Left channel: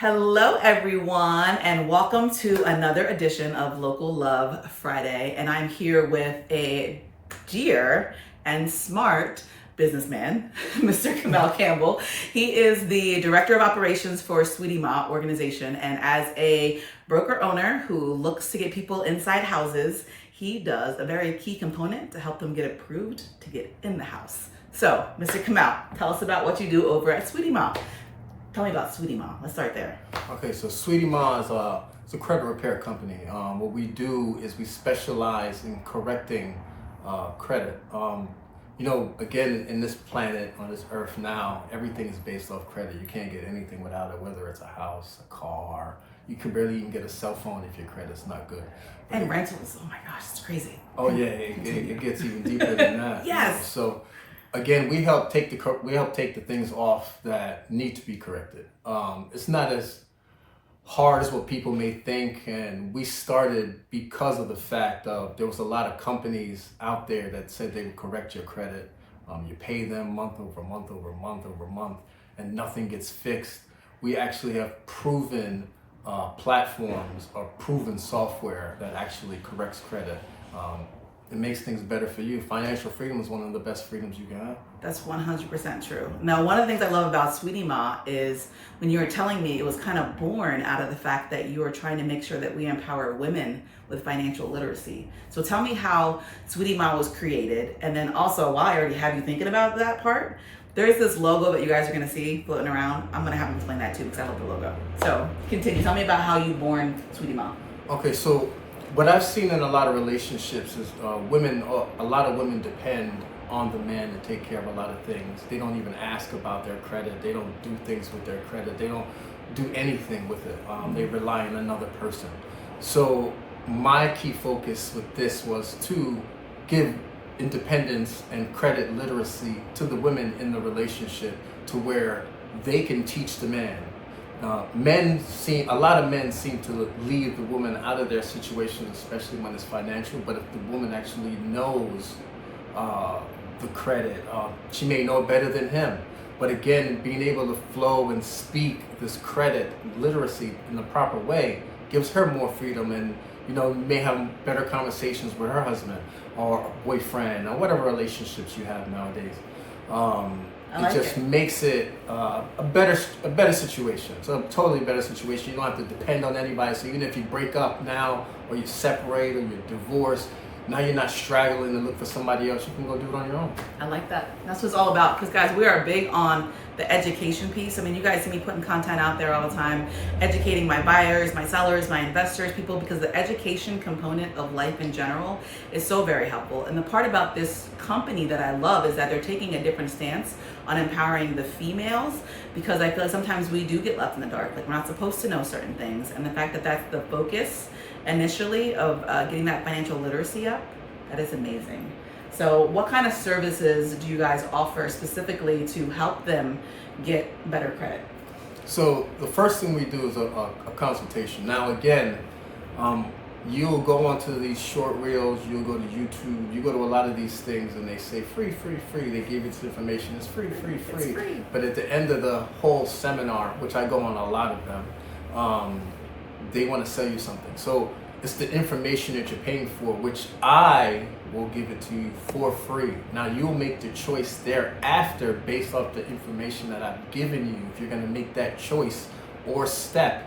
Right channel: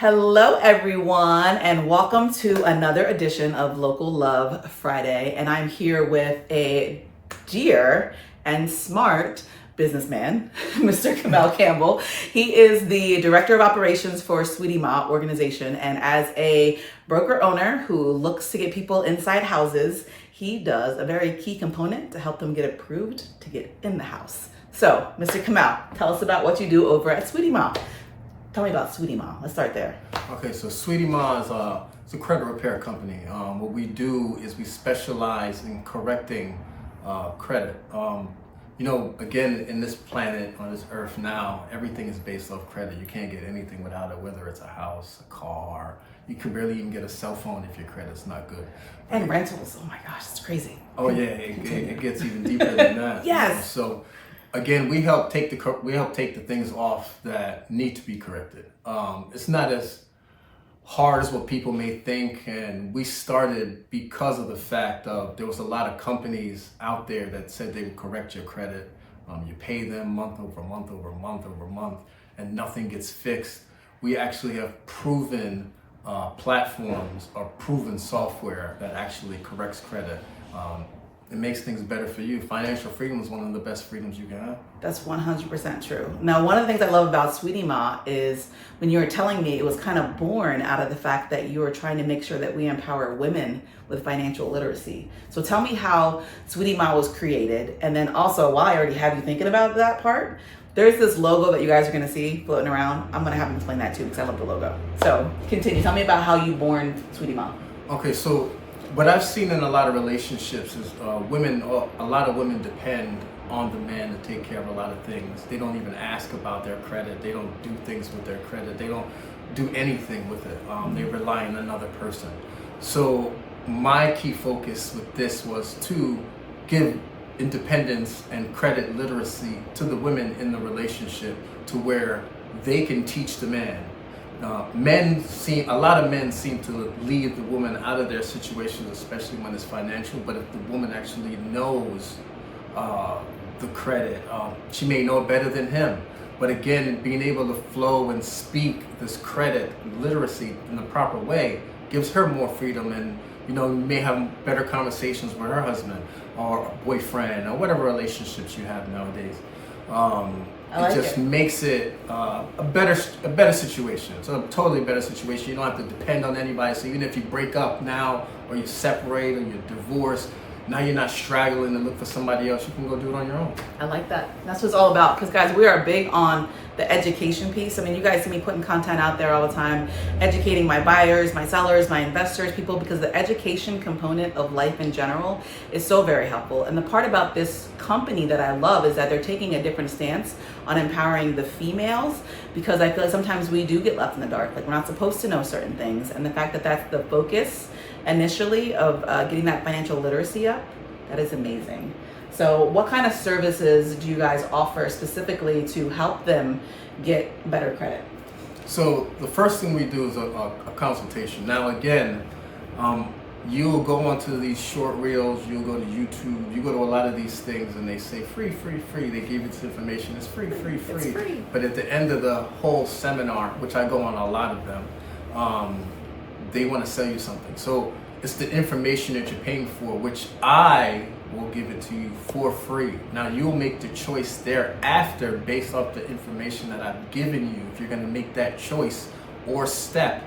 Hello, everyone, and welcome to another edition of Local Love Friday. And I'm here with a dear and smart businessman, Mr. Kemel Campbell. He is the Director of Operations for Sweeti Ma organization. And as a broker owner who looks to get people inside houses, he does a very key component to help them get approved to get in the house. So, Mr. Kemel, tell us about what you do over at Sweeti Ma. Tell me about Sweeti Ma. Let's start there. Okay, so Sweeti Ma is it's a credit repair company. What we do is we specialize in correcting credit. Again, in this planet, on this earth now, everything is based off credit. You can't get anything without it, whether it's a house, a car. You can barely even get a cell phone if your credit's not good. And rentals. Oh my gosh, it's crazy. Oh yeah, it gets even deeper than that. Yes. So again, we help take the things off that need to be corrected. It's not as hard as what people may think, and we started because of the fact of there was a lot of companies out there that said they would correct your credit. You pay them month over month over month over month, and nothing gets fixed. We actually have proven platforms or proven software that actually corrects credit. It makes things better for you. Financial freedom is one of the best freedoms you can have. That's 100% true. Now, one of the things I love about Sweeti Ma is when you were telling me it was kind of born out of the fact that you were trying to make sure that we empower women with financial literacy. So tell me how Sweeti Ma was created. And then also, while I already have you thinking about that part, there's this logo that you guys are going to see floating around. I'm going to have you explain that too because I love the logo. So continue. Tell me about how you born Sweeti Ma. Okay, so what I've seen in a lot of relationships is a lot of women depend on the man to take care of a lot of things. They don't even ask about their credit. They don't do things with their credit. They don't do anything with it. They rely on another person. So my key focus with this was to give independence and credit literacy to the women in the relationship to where they can teach the man. A lot of men seem to leave the woman out of their situations, especially when it's financial. But if the woman actually knows the credit, she may know better than him. But again, being able to flow and speak this credit literacy in the proper way gives her more freedom, and may have better conversations with her husband or boyfriend or whatever relationships you have nowadays. It just makes it a better situation. It's a totally better situation. You don't have to depend on anybody. So even if you break up now, or you separate, or you're divorced, now you're not straggling to look for somebody else. You can go do it on your own. I like that. That's what it's all about. Because guys, we are big on the education piece. I mean, you guys see me putting content out there all the time, educating my buyers, my sellers, my investors, people, because the education component of life in general is so very helpful. And the part about this company that I love is that they're taking a different stance on empowering the females, because I feel like sometimes we do get left in the dark. Like, we're not supposed to know certain things. And the fact that that's the focus initially of getting that financial literacy up, that is amazing. So what kind of services do you guys offer specifically to help them get better credit? So the first thing we do is a consultation. Now again, you'll go onto these short reels, you'll go to YouTube, you go to a lot of these things and they say free, free, free. They give you this information, it's free, free, free. It's free. But at the end of the whole seminar, which I go on a lot of them, they want to sell you something. So it's the information that you're paying for, which I will give it to you for free. Now you'll make the choice thereafter based off the information that I've given you, if you're going to make that choice or step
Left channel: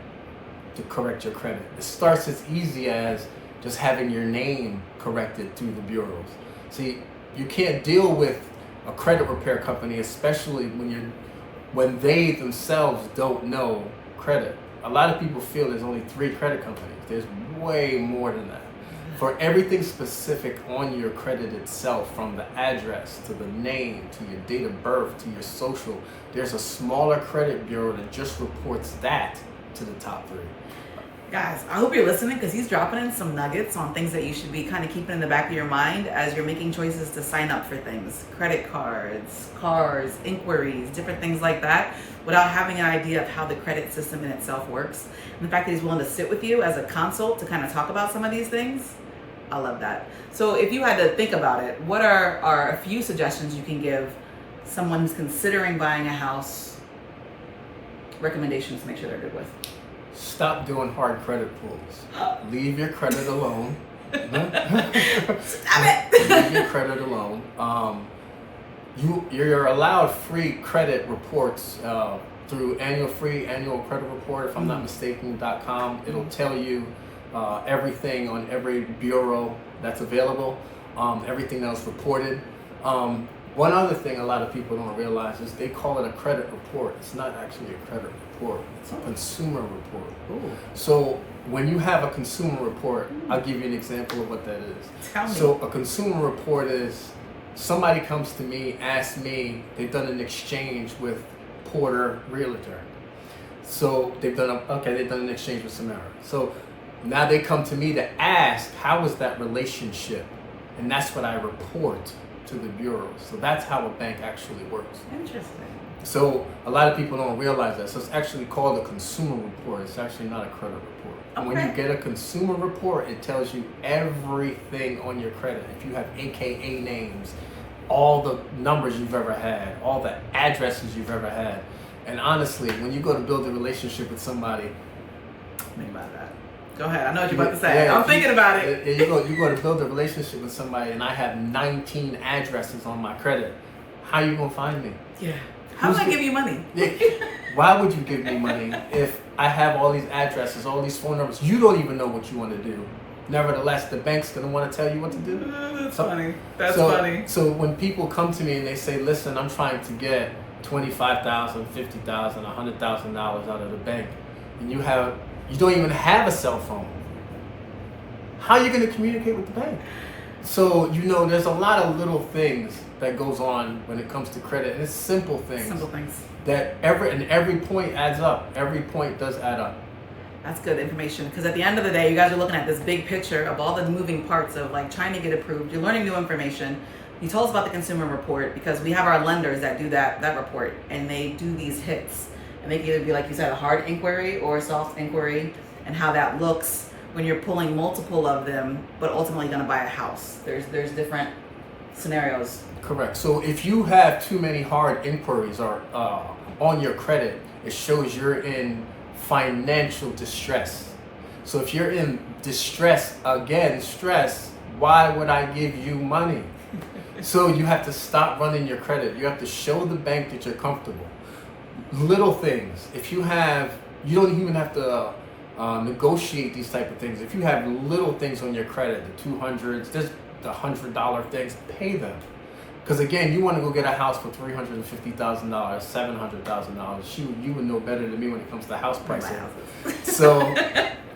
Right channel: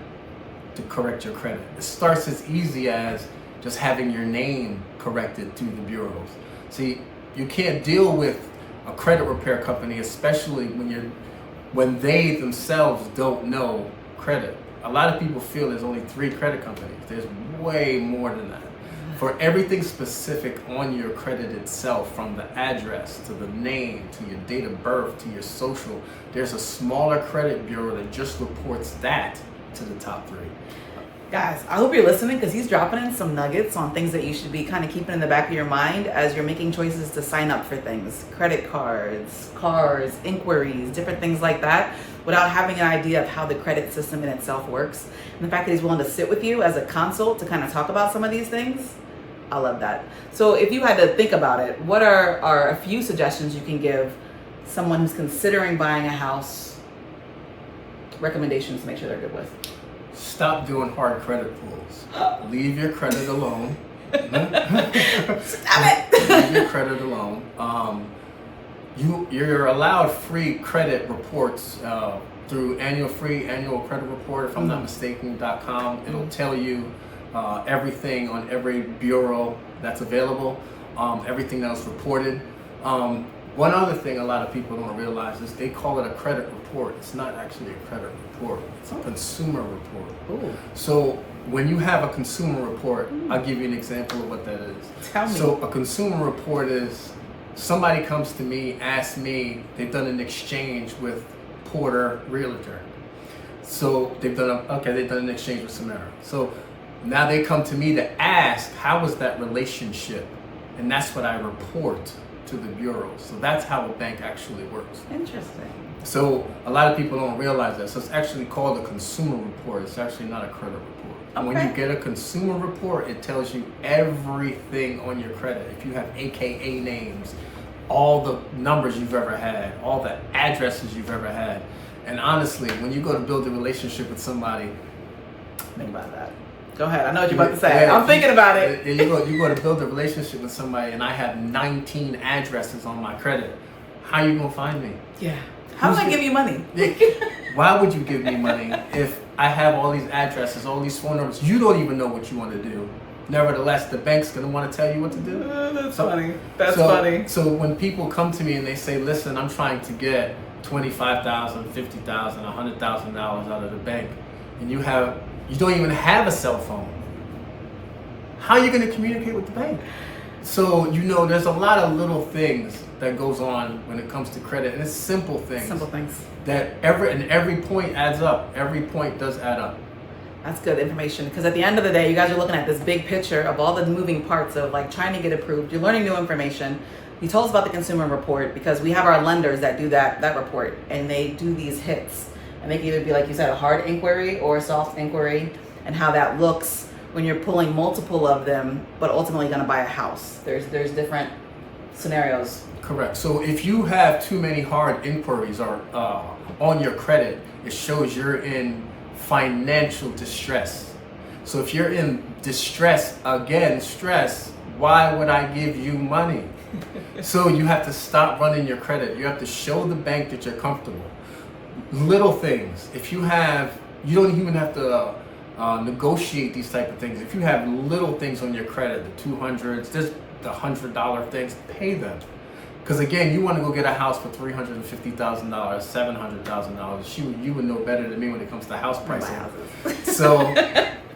to correct your credit. It starts as easy as just having your name corrected through the bureaus. See, you can't deal with a credit repair company, especially when they themselves don't know credit. A lot of people feel there's only 3 credit companies. There's way more than that. For everything specific on your credit itself, from the address to the name to your date of birth to your social, there's a smaller credit bureau that just reports that to the top 3. Guys, I hope you're listening, because he's dropping in some nuggets on things that you should be kind of keeping in the back of your mind as you're making choices to sign up for things. Credit cards, cars, inquiries, different things like that, without having an idea of how the credit system in itself works. And the fact that he's willing to sit with you as a consult to kind of talk about some of these things, I love that. So if you had to think about it, what are a few suggestions you can give someone who's considering buying a house recommendations to make sure they're good with? Stop doing hard credit pulls. Leave your credit alone. Stop it. Leave your credit alone. You're allowed free credit reports through free annual credit report, if I'm not mistaken.com. It'll tell you everything on every bureau that's available, everything that was reported. One other thing a lot of people don't realize is they call it a credit report. It's not actually a credit report. It's a consumer report. Ooh. So when you have a consumer report, I'll give you an example of what that is. Tell me. So a consumer report is somebody comes to me, asks me, they've done an exchange with Porter Realtor. So they've done an exchange with Samara. So now they come to me to ask, how was that relationship? And that's what I report to the bureau. So that's how a bank actually works. Interesting. So a lot of people don't realize that. So it's actually called a consumer report. It's actually not a credit report. And when you get a consumer report, it tells you everything on your credit. If you have AKA names, all the numbers you've ever had, all the addresses you've ever had. And honestly, when you go to build a relationship with somebody, think about that. Go ahead. I know what you're about to say. I'm thinking about it. You go to build a relationship with somebody, and I have 19 addresses on my credit. How are you gonna find me? Yeah. How do I give you money? Why would you give me money if I have all these addresses, all these phone numbers? You don't even know what you want to do. Nevertheless, the bank's gonna want to tell you what to do. That's funny. That's funny. So when people come to me and they say, "Listen, I'm trying to get $25,000, $50,000, $100,000 out of the bank," and you don't even have a cell phone, how are you going to communicate with the bank? So, there's a lot of little things that goes on when it comes to credit, and it's simple things. Simple things. That every point adds up. Every point does add up. That's good information, because at the end of the day, you guys are looking at this big picture of all the moving parts of like trying to get approved. You're learning new information. You told us about the consumer report because we have our lenders that do that report, and they do these hits. And they can either be, like you said, a hard inquiry or a soft inquiry, and how that looks when you're pulling multiple of them, but ultimately going to buy a house. There's different scenarios. Correct. So if you have too many hard inquiries on your credit, it shows you're in financial distress. So if you're in distress, stress, why would I give you money? So you have to stop running your credit. You have to show the bank that you're comfortable. Little things. You don't even have to negotiate these type of things. If you have little things on your credit, the 200s, just the $100 things, pay them. Because again, you want to go get a house for $350,000, $700,000. Shoot, you would know better than me when it comes to house pricing. So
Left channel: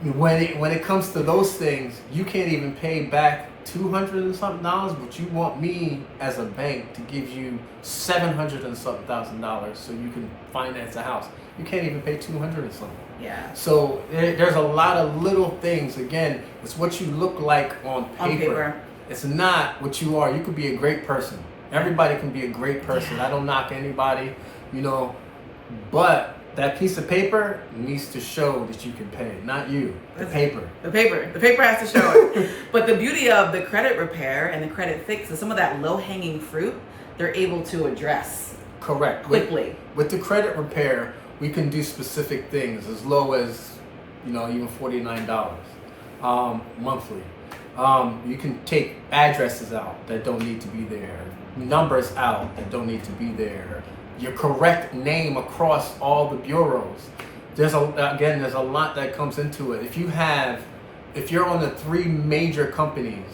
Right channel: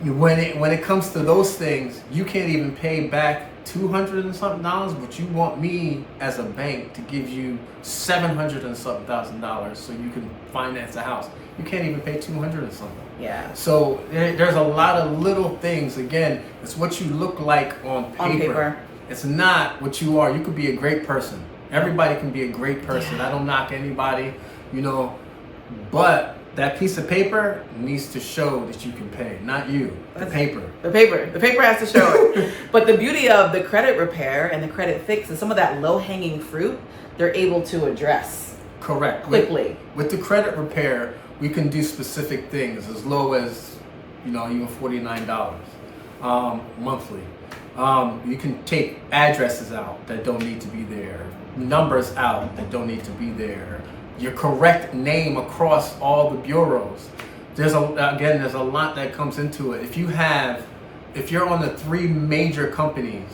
when it comes to those things, you can't even pay back $200 and something, but you want me as a bank to give you $700 and something thousand so you can finance a house. You can't even pay $200 and something. Yeah. So there's a lot of little things. Again, it's what you look like on paper. It's not what you are. You could be a great person. Everybody can be a great person. I don't knock anybody, but that piece of paper needs to show that you can pay, not you. The paper. The paper has to show it. But the beauty of the credit repair and the credit fix is some of that low-hanging fruit they're able to address. Correct. Quickly. With the credit repair, we can do specific things as low as, even $49 monthly. You can take addresses out that don't need to be there, numbers out that don't need to be there, your correct name across all the bureaus. There's a lot that comes into it. If you're on the 3 major companies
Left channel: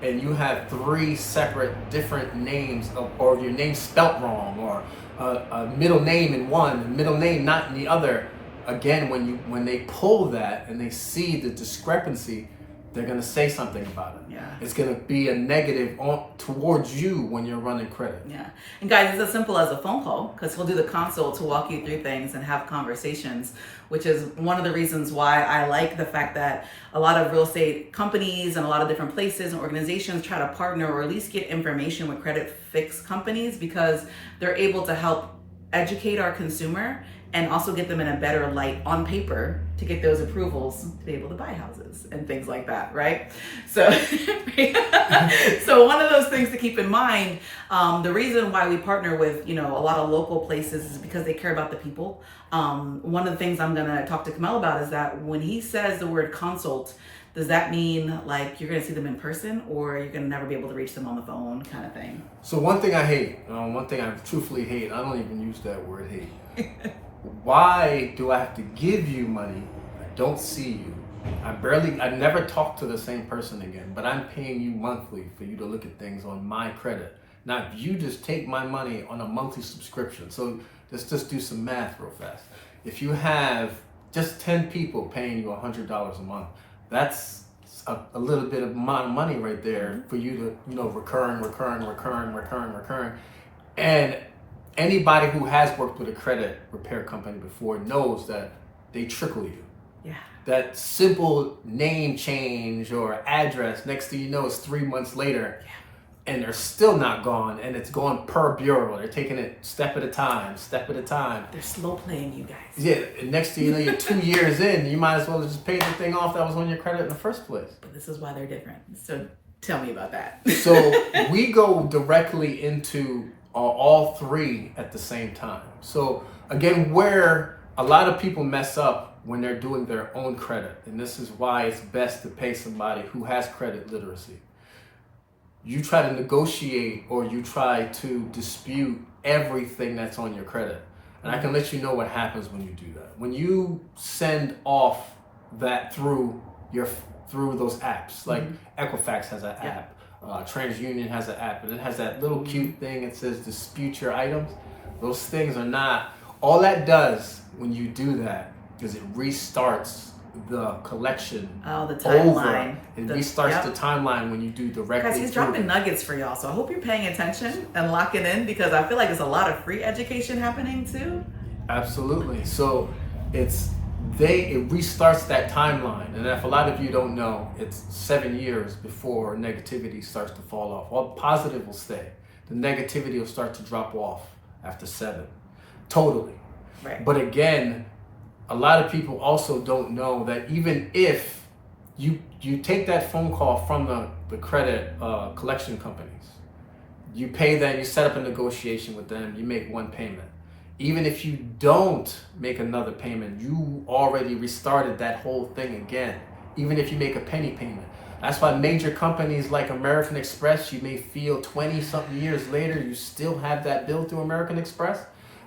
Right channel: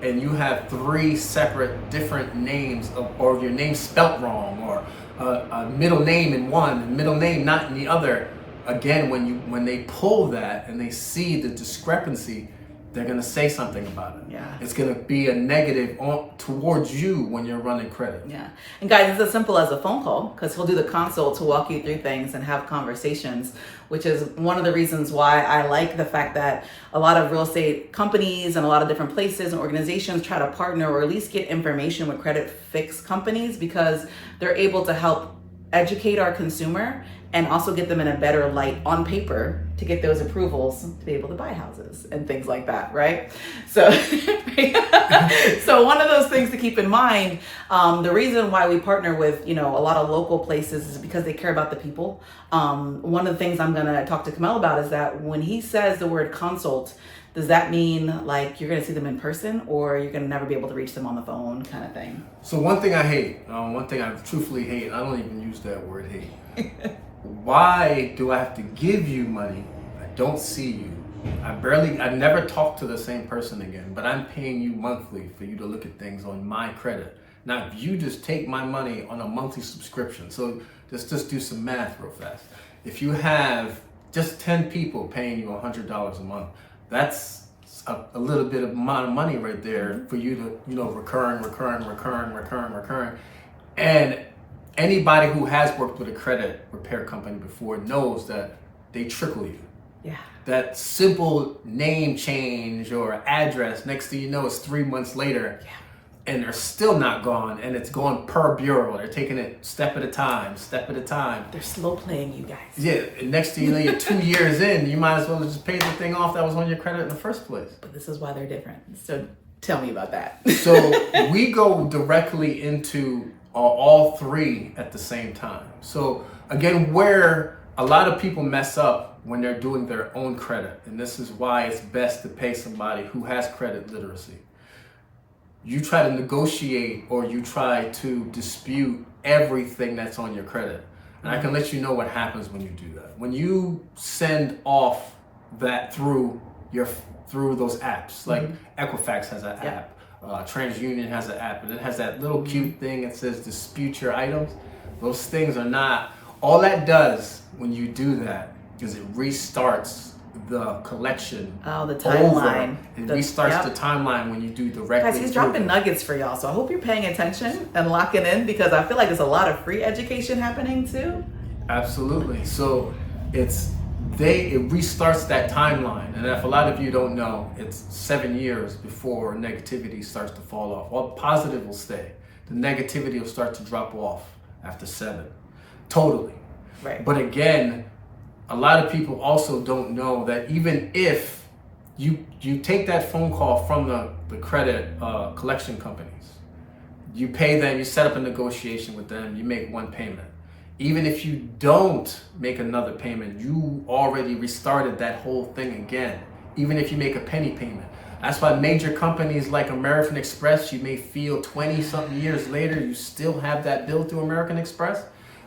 and you have 3 separate different names or your name spelt wrong, or a middle name in one, middle name not in the other, again, when they pull that and they see the discrepancy, they're going to say something about it. Yeah. It's going to be a negative towards you when you're running credit. Yeah. And guys, it's as simple as a phone call, because he'll do the consult to walk you through things and have conversations, which is one of the reasons why I like the fact that a lot of real estate companies and a lot of different places and organizations try to partner or at least get information with credit fix companies, because they're able to help educate our consumer and also get them in a better light on paper to get those approvals to be able to buy houses and things like that, right? So, so one of those things to keep in mind, the reason why we partner with, a lot of local places is because they care about the people. One of the things I'm gonna talk to Kemel about is that when he says the word consult, does that mean like you're gonna see them in person, or you're gonna never be able to reach them on the phone kind of thing? So one thing I hate, one thing I truthfully hate, I don't even use that word hate. Why do I have to give you money? I don't see you. I never talk to the same person again, but I'm paying you monthly for you to look at things on my credit. Now, if you just take my money on a monthly subscription, so let's just do some math real fast. If you have just 10 people paying you $100 a month, that's a little bit of amount of money right there for you to, recurring. And anybody who has worked with a credit repair company before knows that they trickle you. Yeah. That simple name change or address, next thing you know, it's 3 months later, and they're still not gone, and it's going per bureau. They're taking it step at a time. They're slow playing you guys. Yeah, and next thing you know, you're 2 years in, you might as well have just paid the thing off that was on your credit in the first place. But this is why they're different. So tell me about that. So we go directly into all three at the same time. So again, where a lot of people mess up when they're doing their own credit, and this is why it's best to pay somebody who has credit literacy. You try to negotiate or you try to dispute everything that's on your credit. And I can let you know what happens when you do that. When you send off that through those apps, like Equifax has an app, TransUnion has an app, and it has that little cute thing that says dispute your items. Those things are not, all that does when you do that is it restarts the collection. Oh, the timeline. It restarts the timeline when you do directly. Guys, he's dropping nuggets for y'all, so I hope you're paying attention and locking in, because I feel like there's a lot of free education happening too. Absolutely. So it restarts that timeline, and if a lot of you don't know, it's 7 years before negativity starts to fall off. Well, positive will stay. The negativity will start to drop off after 7. Totally. Right. But again, a lot of people also don't know that even if you take that phone call from the credit collection companies, you pay them, you set up a negotiation with them, you make one payment. Even if you don't make another payment, you already restarted that whole thing again. Even if you make a penny payment. That's why major companies like American Express, you may feel 20-something years later, you still have that bill through American Express.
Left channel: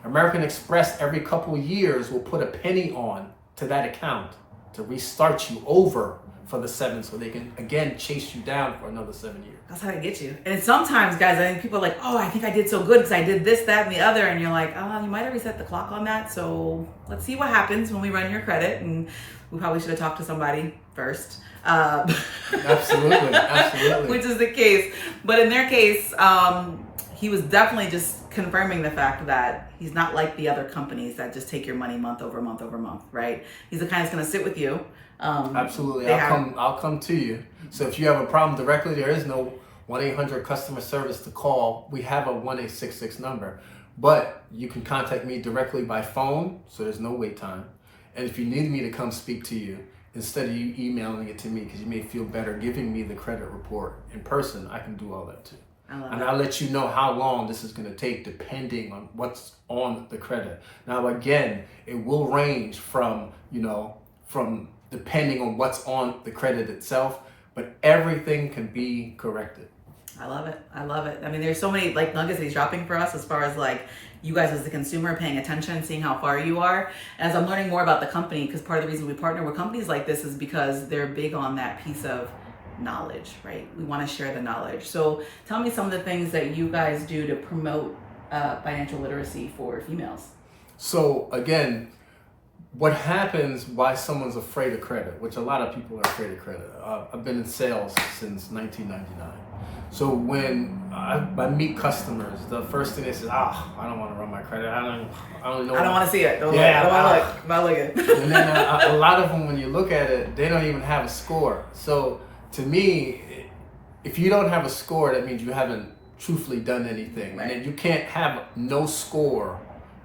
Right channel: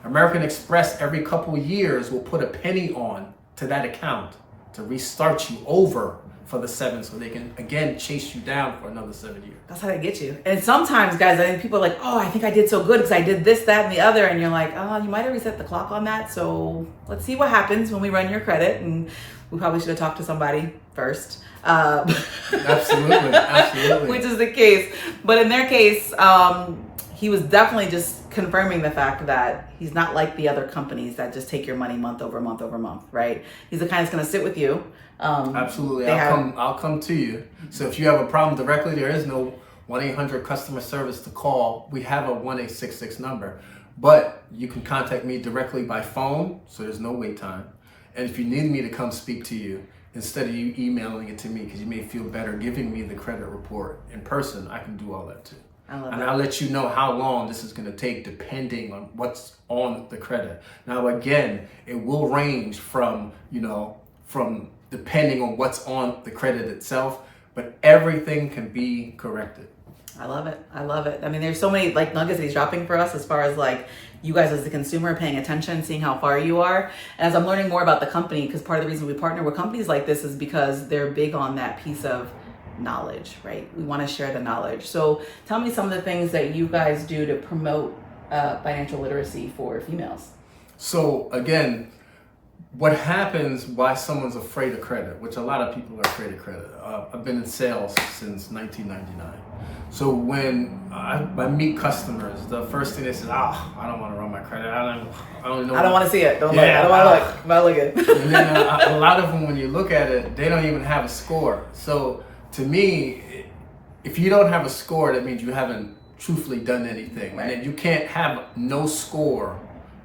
American Express every couple of years will put a penny on to that account to restart you over for the 7, so they can again chase you down for another 7 years. That's how they get you. And sometimes, guys, I think people are like, oh, I think I did so good because I did this, that, and the other. And you're like, oh, you might have reset the clock on that. So let's see what happens when we run your credit. And we probably should have talked to somebody first. Absolutely. Which is the case. But in their case, he was definitely just confirming the fact that he's not like the other companies that just take your money month over month over month, right? He's the kind that's going to sit with you. Absolutely. I'll come to you. So if you have a problem directly, there is no 1-800 customer service to call. We have a 1-866 number, but you can contact me directly by phone, so there's no wait time. And if you need me to come speak to you, instead of you emailing it to me, because you may feel better giving me the credit report in person, I can do all that too. And I'll let you know how long this is going to take depending on what's on the credit. Now, again, it will range from depending on what's on the credit itself, but everything can be corrected. I love it. I mean, there's so many like nuggets he's dropping for us as far as like you guys as the consumer paying attention, seeing how far you are. And as I'm learning more about the company, because part of the reason we partner with companies like this is because they're big on that piece of knowledge, right? We want to share the knowledge. So tell me some of the things that you guys do to promote financial literacy for females. So again, what happens, why someone's afraid of credit, which a lot of people are afraid of credit. I've been in sales since 1999. So when I meet customers, the first thing they say, I don't want to run my credit. I don't know. I don't want to see it. I don't want to look. I'm not looking. And then a lot of them, when you look at it, they don't even have a score. So to me, if you don't have a score, that means you haven't truthfully done anything. Right. And then you can't have no score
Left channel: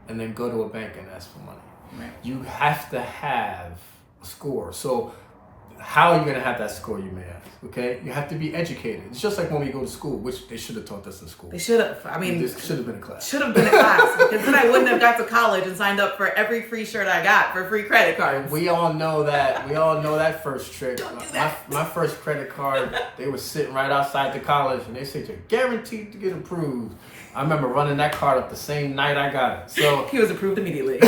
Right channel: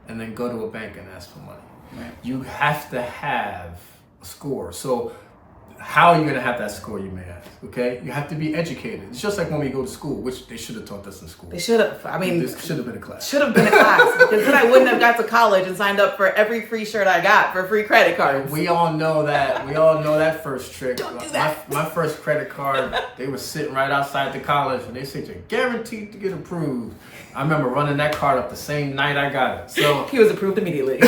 and then go to a bank and ask for money. Right. You have to have a score. So how are you going to have that score, you may ask? Okay, you have to be educated. It's just like when we go to school, which they should have taught us in school. They should have. I mean, this should have been a class. Should have been a class, because then I wouldn't have got to college and signed up for every free shirt I got for free credit cards. We all know that. We all know that first trick. Don't do that. My first credit card, they were sitting right outside the college, and they said you're guaranteed to get approved. I remember running that card up the same night I got it. So he was approved immediately.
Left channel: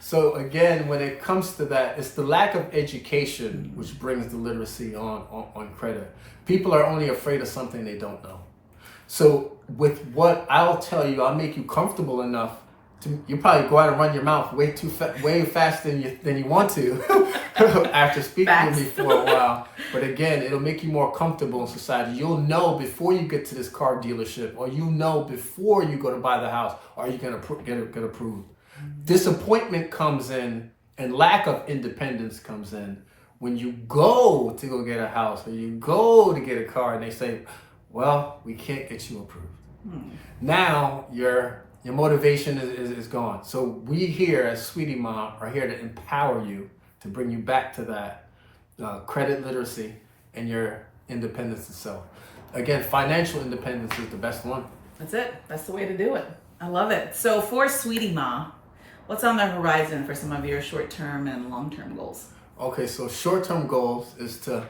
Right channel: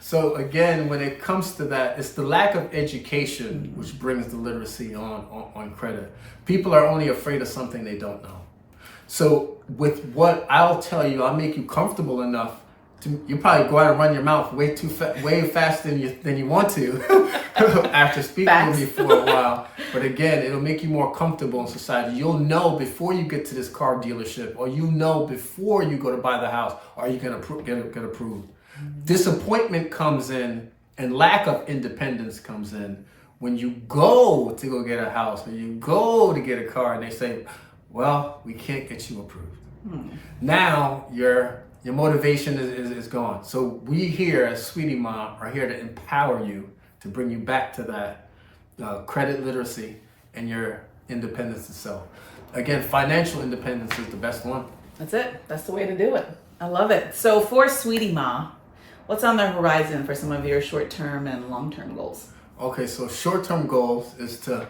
So again, when it comes to that, it's the lack of education which brings the literacy on credit. People are only afraid of something they don't know. So with what I'll tell you, I'll make you comfortable enough to, you probably go out and run your mouth way faster than you want to after speaking to me for a while. But again, it'll make you more comfortable in society. You'll know before you get to this car dealership, or you know before you go to buy the house, are you going to get approved? Disappointment comes in, and lack of independence comes in when you go to go get a house, or you go to get a car, and they say, well, we can't get you approved. Now your motivation is gone. So we here at Sweeti Ma are here to empower you, to bring you back to that credit literacy and your independence itself. Again, financial independence is the best one. That's it. That's the way to do it. I love it. So for Sweeti Ma, what's on the horizon for some of your short-term and long-term goals? Okay, so short-term goals is to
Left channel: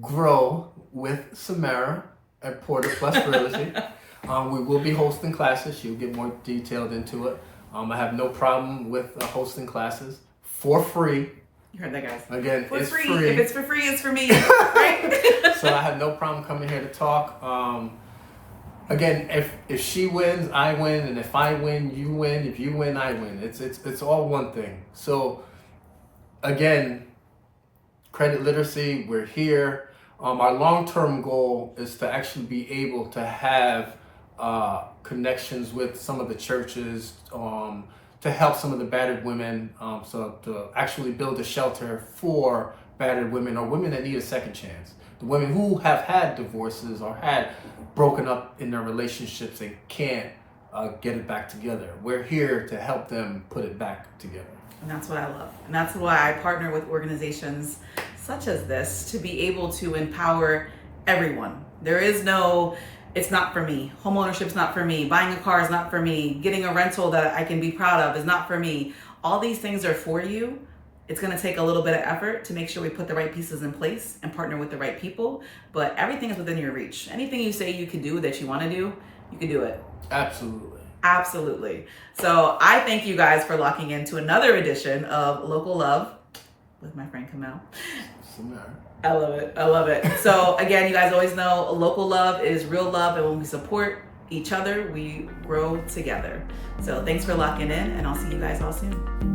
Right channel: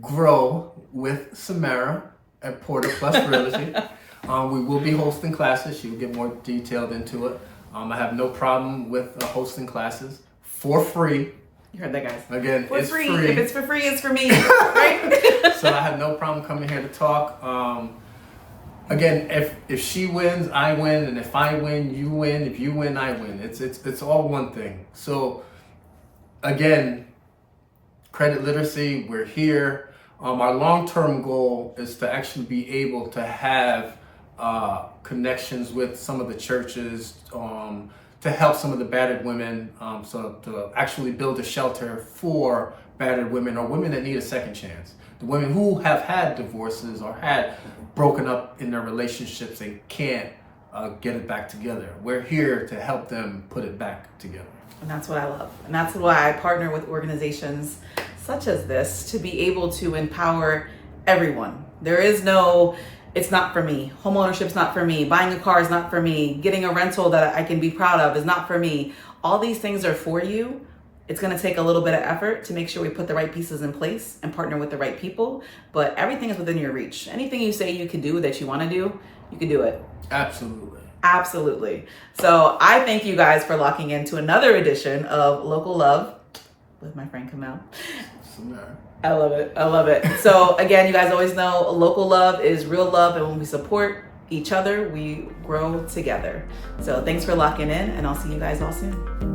grow with Samara at Porter Plus Realty. We will be hosting classes. She'll get more detailed into it. I have no problem with hosting classes for free. You heard that, guys. Again, for it's free. free. If it's for free, it's for me. Right? So I have no problem coming here to talk. Again, if she wins, I win, and if I win, you win. If you win, I win. It's all one thing. So again, credit literacy, we're here. Our long-term goal is to actually be able to have connections with some of the churches, to help some of the battered women, so to actually build a shelter for battered women or women that need a second chance. The women who have had divorces or had broken up in their relationships and can't get it back together. We're here to help them put it back together. And that's what I love. And that's why I partner with organizations such as this to be able to empower everyone. There is no, it's not for me. Homeownership's not for me. Buying a car is not for me. Getting a rental that I can be proud of is not for me. All these things are for you. It's going to take a little bit of effort to make sure we put the right pieces in place and partner with the right people. But everything is within your reach. Anything you say you can do that you want to do, you can do it. Absolutely. Absolutely. So I thank you guys for locking into another edition of Local Love with my friend Kemel. I love it. I love it. So again, you guys always know local love is real love. And when we support each other, we grow together. So thanks for locking in, and I'll see you guys all soon.